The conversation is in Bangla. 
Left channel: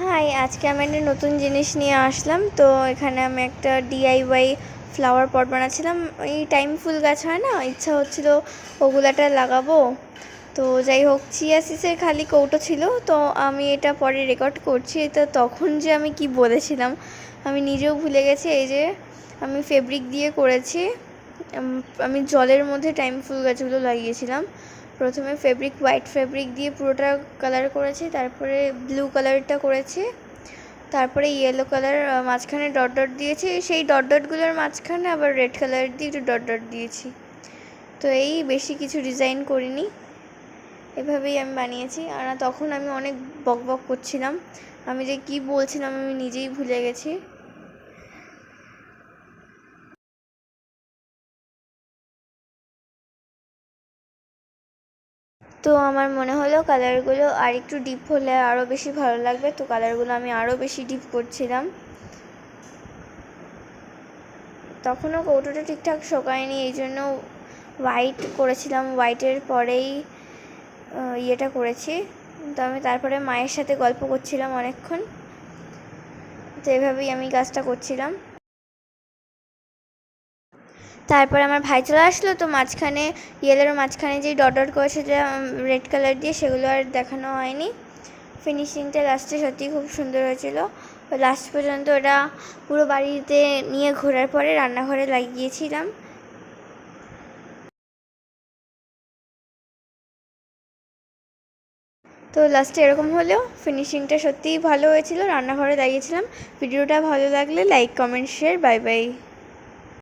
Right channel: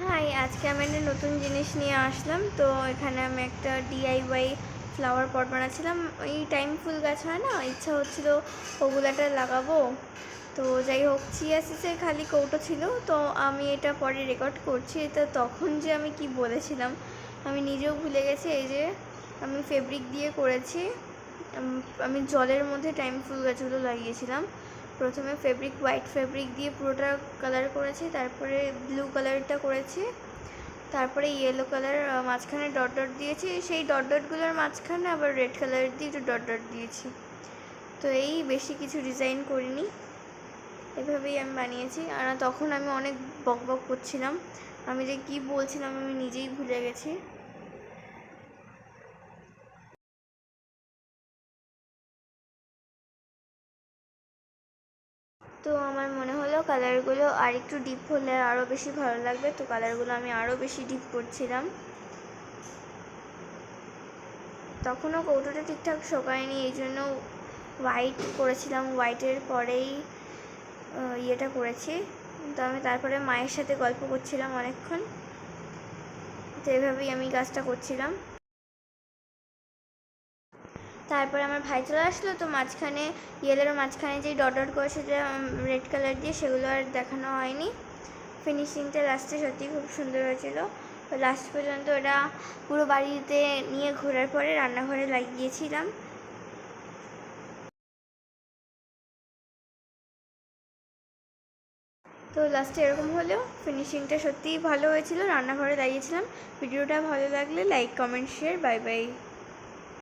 হাই, আজকে আমি একটা নতুন জিনিস নিয়ে আসলাম। তো এখানে আমি একটা ডিআইওয়াই ফ্লাওয়ার পট বানাচ্ছিলাম। ওই টাইম ফুল গাছ হয় না, ইচ্ছা হচ্ছিল ওগুলাটা লাগাবো। তো যাই হোক, চিয়া সিডসের খালি কৌটো ছিল। তো আমি এটা পরে রেকর্ড করছি। তো তখন যে আমি কি বলেছিলাম আমি নিজেও ভুলে গেছি। এই যে আমি ফেব্রিক দিয়ে করেছি। আমি জলের মধ্যে টাইম ফুল গাছগুলো লাগিয়েছিলাম। প্রথমে হোয়াইট ফেব্রিক দিয়ে পুরোটা কালার করেছি, তারপরে ব্লু কালারটা করেছি, তারপরে ইয়েলো কালার মাঝখানে ডট ডট দিয়েছি। সেই ডট ডটগুলোর মাঝখানে আবার রেড কালার দিয়ে একটু ডট ডট দিয়েছি। তো এই বেশি কিছু ডিজাইন করিনি, এভাবেই আমি বানিয়েছি। আর তখন আমি অনেক বক বক করছিলাম, আমি যে কি বলছিলাম আমি নিজেই ভুলে গেছি। তো আমার মনে হলো কালারগুলো আর একটু ডিপ হলে আরও বেশি ভালো লাগবে। তো কালারগুলো আমি আরও বেশি ডিপ করছিলাম। তখনও কৌটোটা ঠিকঠাক শোকায়নি, এই জন্য হোয়াইট করেছিলাম। হোয়াইটের পরেই ইয়েটা করেছি। তো আমি তারপরে মায়ের সাথে গল্প করছিলাম অনেকক্ষণ। তো এভাবেই আমি কাজটা করছিলাম। তারপরে আমার ভাই চলে আসলো। তো মাঝখানে ইয়েলোর মাঝখানে যেই ডট ডট করেছে যে রেড কালার দিয়ে, সেগুলো আর দেখানো হয়নি। ফিনিশিংটা লাস্টে সত্যিই খুব সুন্দর হয়েছিল। লাস্ট পর্যন্ত ওটা পুরো বাড়িতে নিয়ে ঘোরার পরে রান্নাঘরে লাগিয়েছিলাম। তো লাস্টে এরকম হলেও ফিনিশিংটা সত্যিই ভালো হয়েছিল। রান্নাঘরে লাগিয়েছিলাম। ভিডিওটা ভালো লাগলে like, comment, share. Bye bye.